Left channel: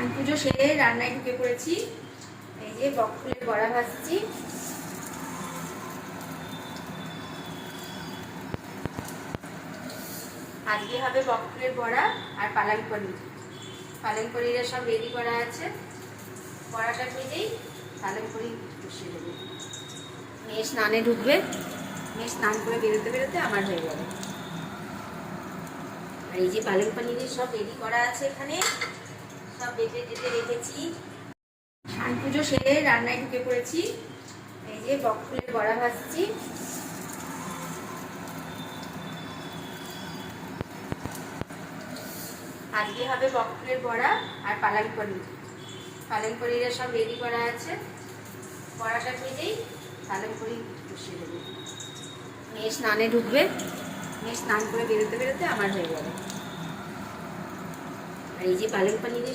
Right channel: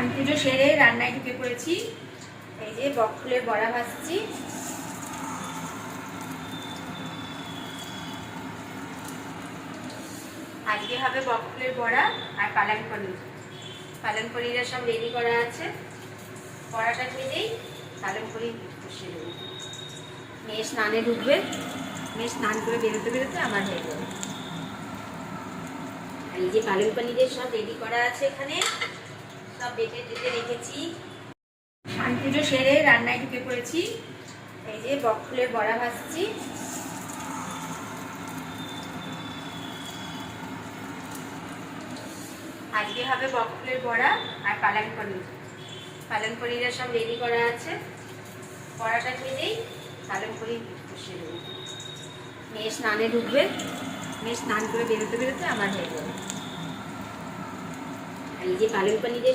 স্নান পুজো সেরে রান্নায় ঢুকে পড়েছি। এই যে বক ফুলের বড়া ভাজছি। আজকে হবে বক ফুলের বড়া আর পালং পনির। পালং পনিরের সব রেডি করা আছে। বড়াটা ভেজেই পালং পনির বসিয়ে দেবো। মেয়ে স্নানে ঢুকবে, মেয়ে স্নান করে বেরোতে বেরোতে আমার হয়ে যাবে। আর এই যে পালং পনিরের সব রেডি করা আছে, এখানে সব বেটে টেটে রেখেছি। স্নান পুজো সেরে রান্নায় ঢুকে পড়েছি। এই যে বক ফুলের বড়া ভাজছি। আজকে হবে বক ফুলের বড়া আর পালং পনির। পালং পনিরের সব রেডি করা আছে। বড়াটা ভেজেই পালং পনির বসিয়ে দেবো। মেয়ে স্নানে ঢুকবে, মেয়ে স্নান করে বেরোতে বেরোতে আমার হয়ে যাবে। আর এই যে পালং পনিরের